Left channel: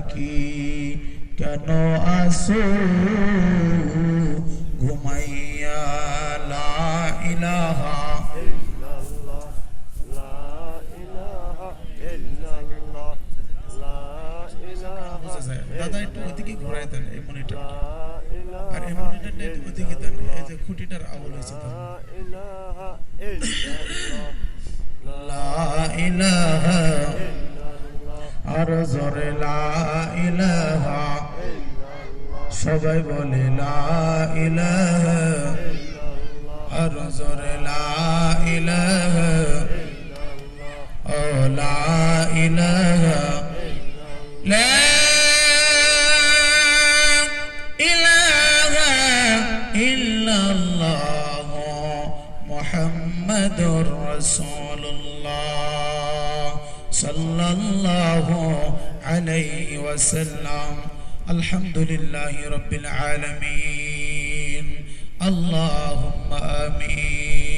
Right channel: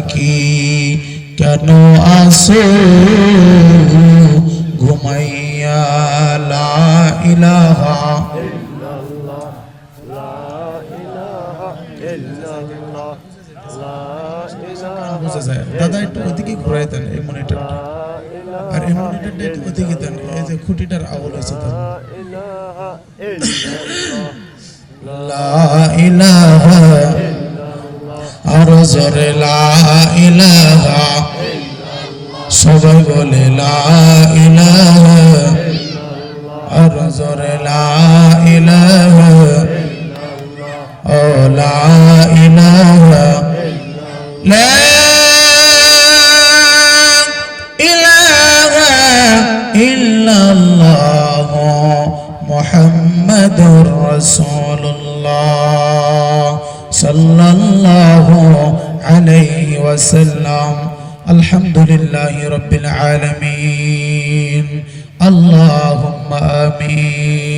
থাকি কেন আসো ঘুমাইয়া লা ইলাহা বুঝা যায় দাদা একটু ওদিকে ঘুরাই দেন এই মনিটরটা আর এই মনিটরটা একটু ওদিকে দেন এই যে খুঁটিটার আওয়াজ আছে লা ইলাহা আর জোরে লা ইলাহা সবাই বলে লা ইলাহা আর জোরে লা ইলাহা ও লা ইলাহা লা ইলাহা ইল্লাল্লাহ মুহাম্মাদুর রাসূলুল্লাহ সাল্লাল্লাহু আলাইহি ওয়াসাল্লাম আলহামদুলিল্লাহি রাব্বিল আলামিন আল্লাহুম্মা আমিন।